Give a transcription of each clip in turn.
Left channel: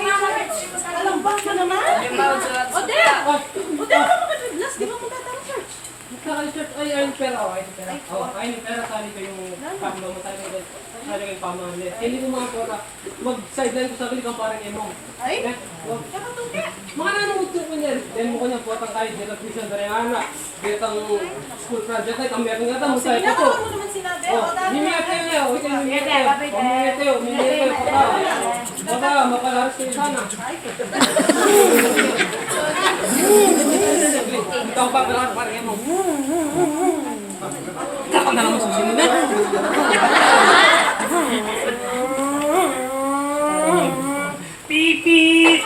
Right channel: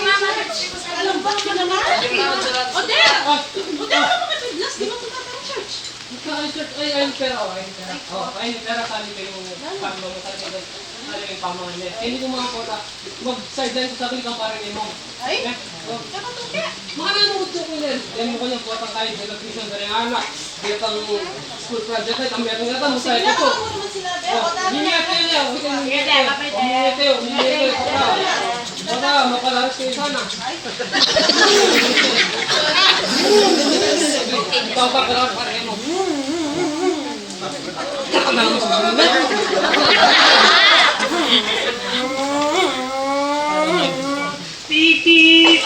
Alam ba ka naman? Odette! Odette, ano makatiblas? Di ba punta tayo church? Ay, pera ako. Ay, pera kali ko yung pamlo mo. Kali ko yung pamlo niya. Hindi ko mga pota. Mag-sideline ko sa akin kang parang imong. Ay? Nakatuki. Mga nanuto ko yan. Yan mo ko niyang potang kahit electrician na rin anak. Dito ang school project kahit ang meron nga mo sa ito ko. Mo naman sinabi. Hingiyak kayo niya. Hingiyak kayo. Pota, mapalaras kayo sana. Ikaw pa pala parang imong. Kakak na naman sa sinigat. Pipi!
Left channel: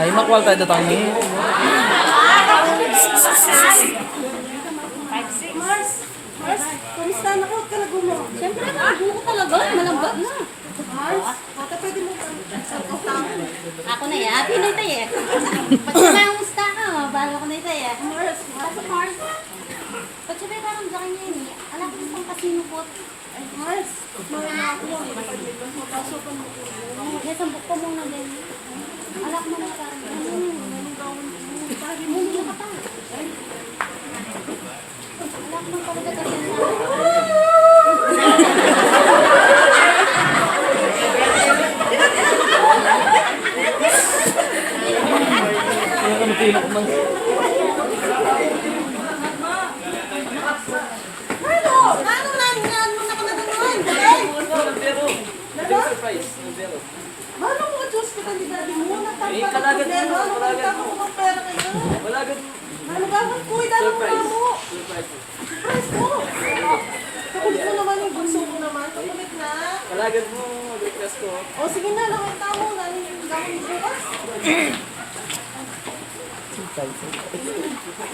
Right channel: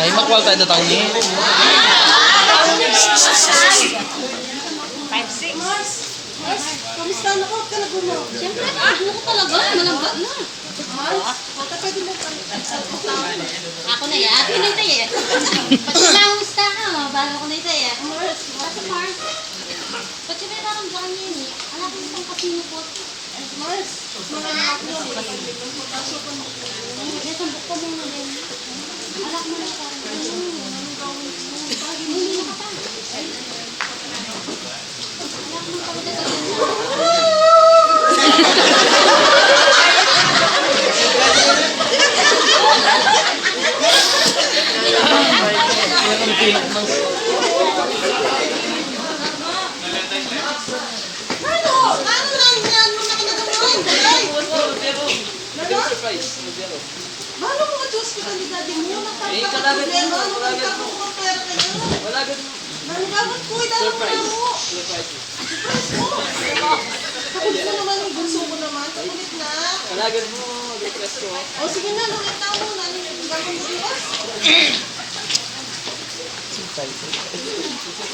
Ay, makwal ka datang ni. Mars, kamusta na ko? Ka nagumo? Siyempre, nakagulo ko talaga. Malambot na. Mars, pwede mo Ako na yan. Ako na ito eh. Pag nalamusta ka, bahala ko na ito eh. Mars, Kasi Mars, pag siya may karamdaman niya yun eh. Alam ko itong kasino po. Mars, mga anak ko, nakapagbigan mo, tasukan mo po. Nasambok ko muna din. Alam mo na parang Anong gawin mo? Pagi mo nila ka pa. Alam mo talaga ganyan sa Paano mo ma-choose ko ni daddy mo? Eh, kalagat mo, kalagat mo. Wala gano'n. Ano ba? Ba't ko? Idalo mo na mo. Surprise. Surprise mo. Alagad mo, mag-request ko. O sige na, lawin na mo. Gawin bukas.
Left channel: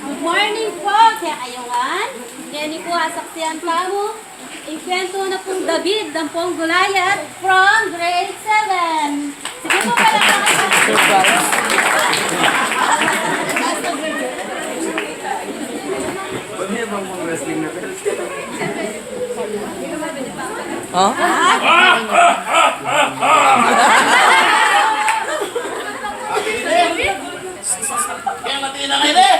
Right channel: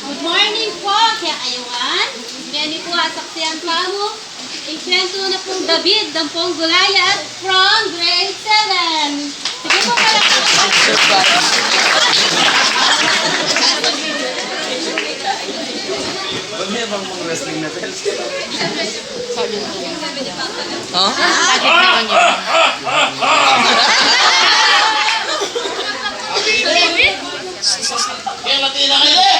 Good morning po, kaya ayungan. Meni po asaksiyan pa mo. Ikwento na po David, Dampong Gulayat from grade 7. Sige po pala Kaya mati na kayo eh!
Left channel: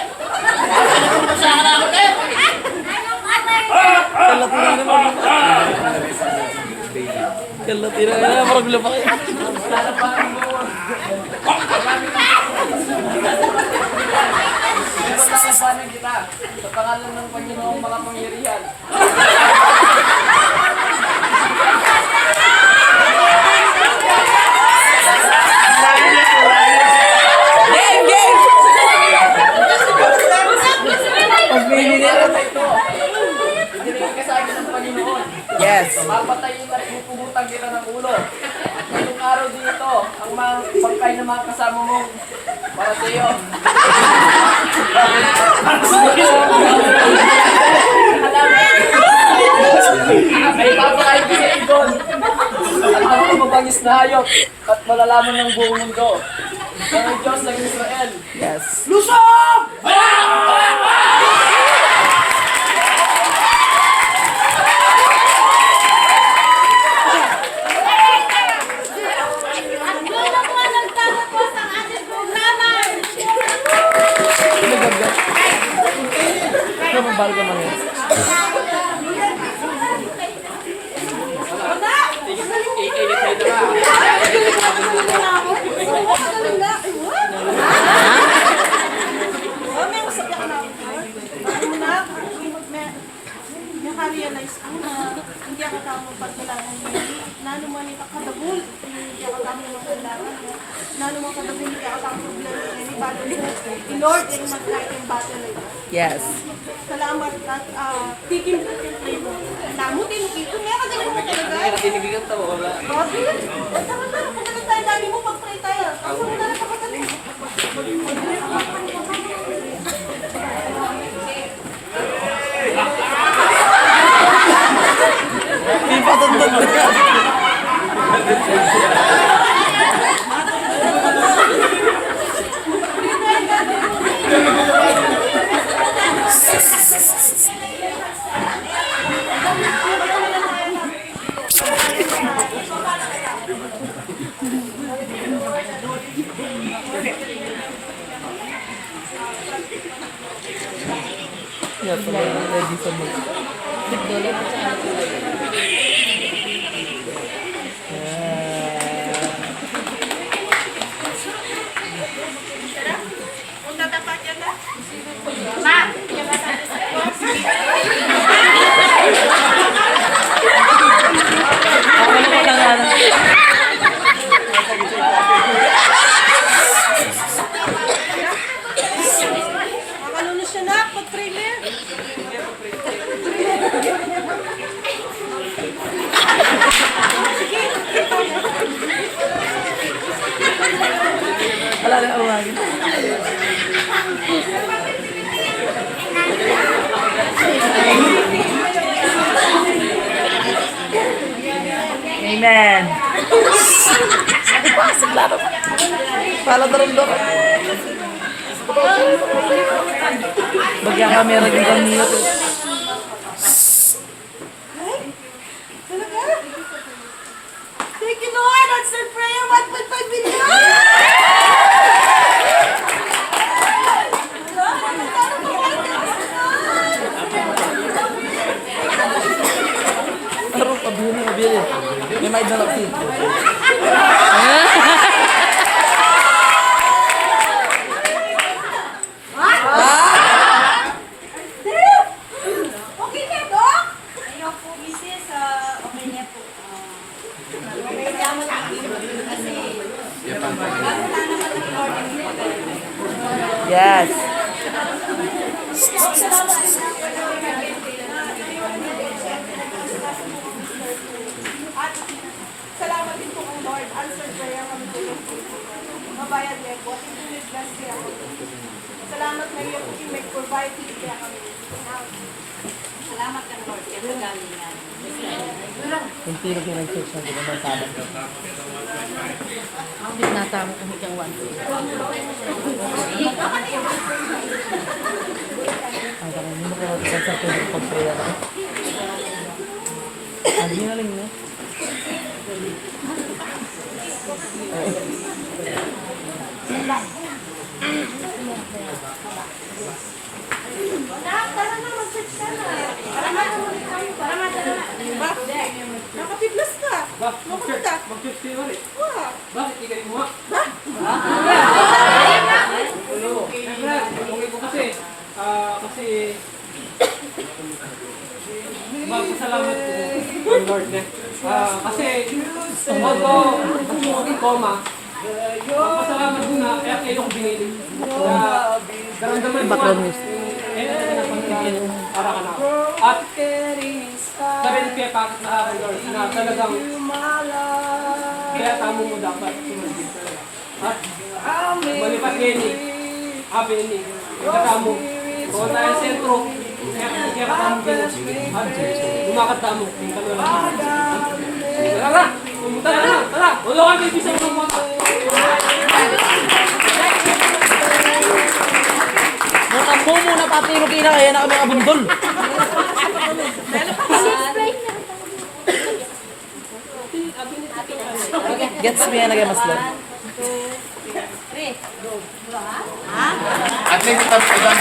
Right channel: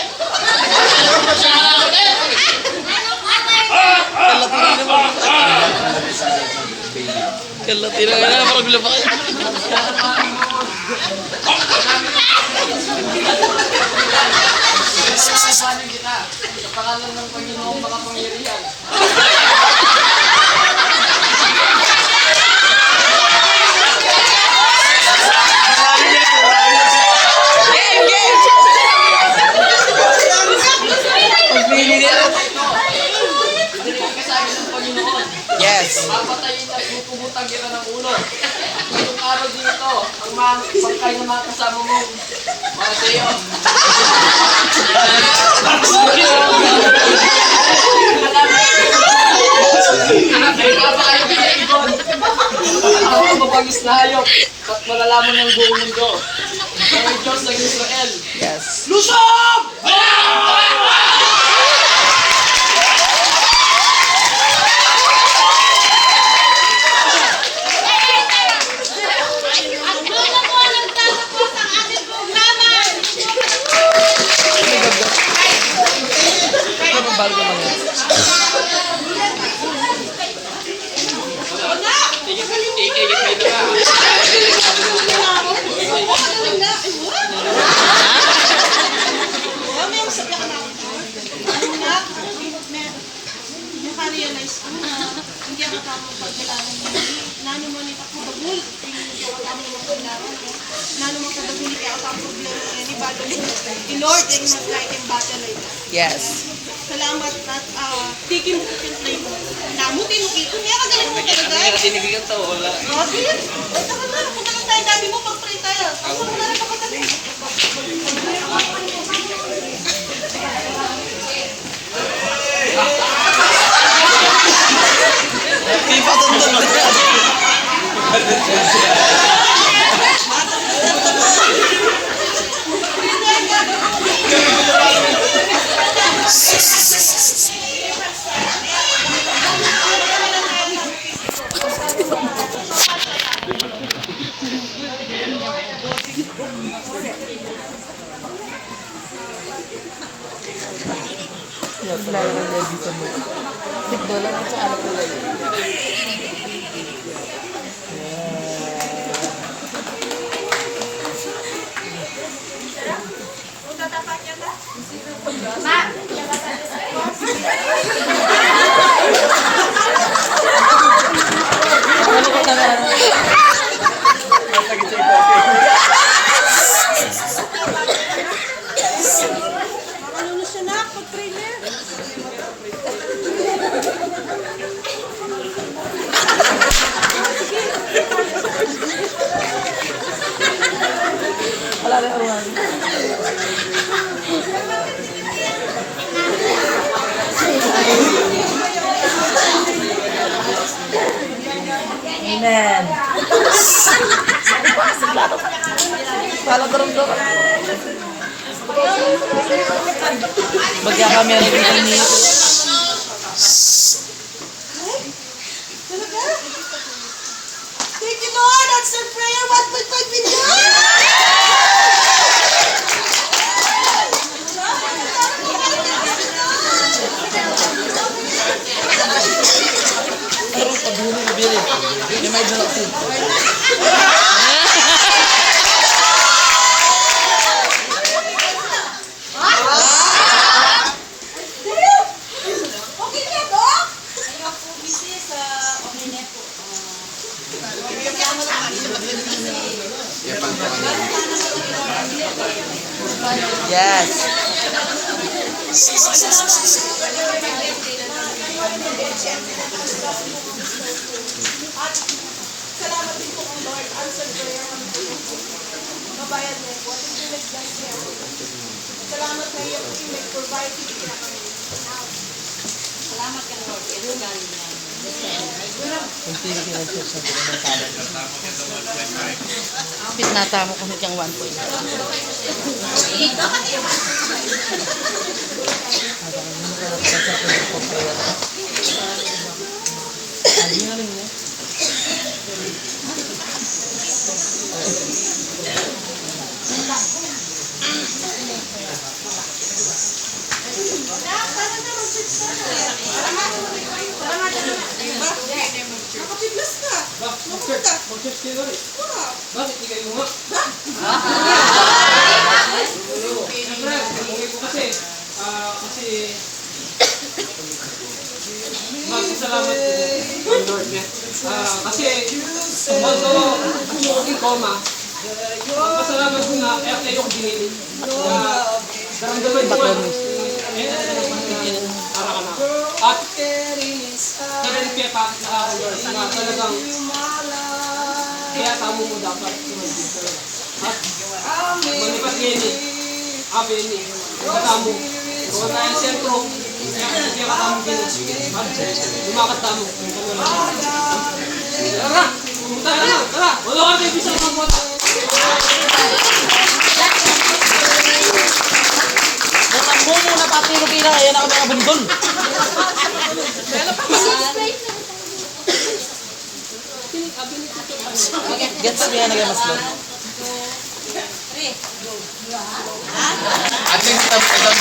Sa anak ko din! Kalati na kayo, parang gula pa kayo. Pinapapanan kita sa pangalan ng Panginoong makapangyarihan. Pagpili ka sa akin ng Panginoon. Yes. Papatayin at pupugutan kita ng ulo. Ngayong araw din ito, ang mga pagkain ng mga kasama mo para sa iyo. Ay papakain ka sa ibon. Ang mabangis na hayop at malalaman ng buong mundo. Ang Diyos ng Israel. Yes. Lusog! At doon na po nagtatapos ang ating programa. Kaya magbalo ka naman. Naka-realize ko na hindi ako kamo pagkailangan niya. Nanumanit ako dabul. Hindi ako kamo naman kailangan niya. Nanuman ka dabul. Hindi ako kamo problema niya. Ni Balo mo. I-Lord yung mag-like and battle like that. Yes. Salamat at tigim po yung play mo. Namutin mo kito. Meron ka galing mo talaga. Tinigil ka wala. Robin, o taka na. Punta lang tayo. Dami mo pag-pray tayo. Ako mo na rin pakatanin. Makalunos siya na. Pag-pray na. Amen. Para darandok. Bagya kami nagbigan niyo. Talaga? Thank you, Lord. Answer prayer. 1.5 million. Terus kabuli kabili. Ini medyo naksit. Okay ka, Dok? Ayaw po, Mrs. Okay na po. Yes. Salamat din po kang Lord. Answer prayer kami po ng mabayad niya po. At hindi nag-bless niya. Salamat na iya po yung nag-provide niya kami. Salamat kang Lord. Ito galing lang. Nata mo kung hanggang 1. Tara na, mag-search ka na. Nakapiblas ka. Ba, mag-church kayo rin. Wow. Bakit di kayo nga? Siyempre, okay po kasi, magpasalamat po ang Lord niya. Kasi, although ang koma, magpasalamat ko nga, kaya kayo kong binili. Daramdaman ko nga, para ka na. At, sa rin kaya bakit nakaka Lord, na talagang, kaya tamo mo dapat sumagin talaga. At, malipat Yenny, Abeni, katamo, kung tayo sentro, kaya katamo Pino, at lumakat tamo, yung kamera. Tara na, pumunta na lang, tara, wala ka tayo bisa ng mga Natakbo mo na papilo-pilo. Ayan ako mga bundol. Gets me yan again, mas lang. At least tapos ka doon.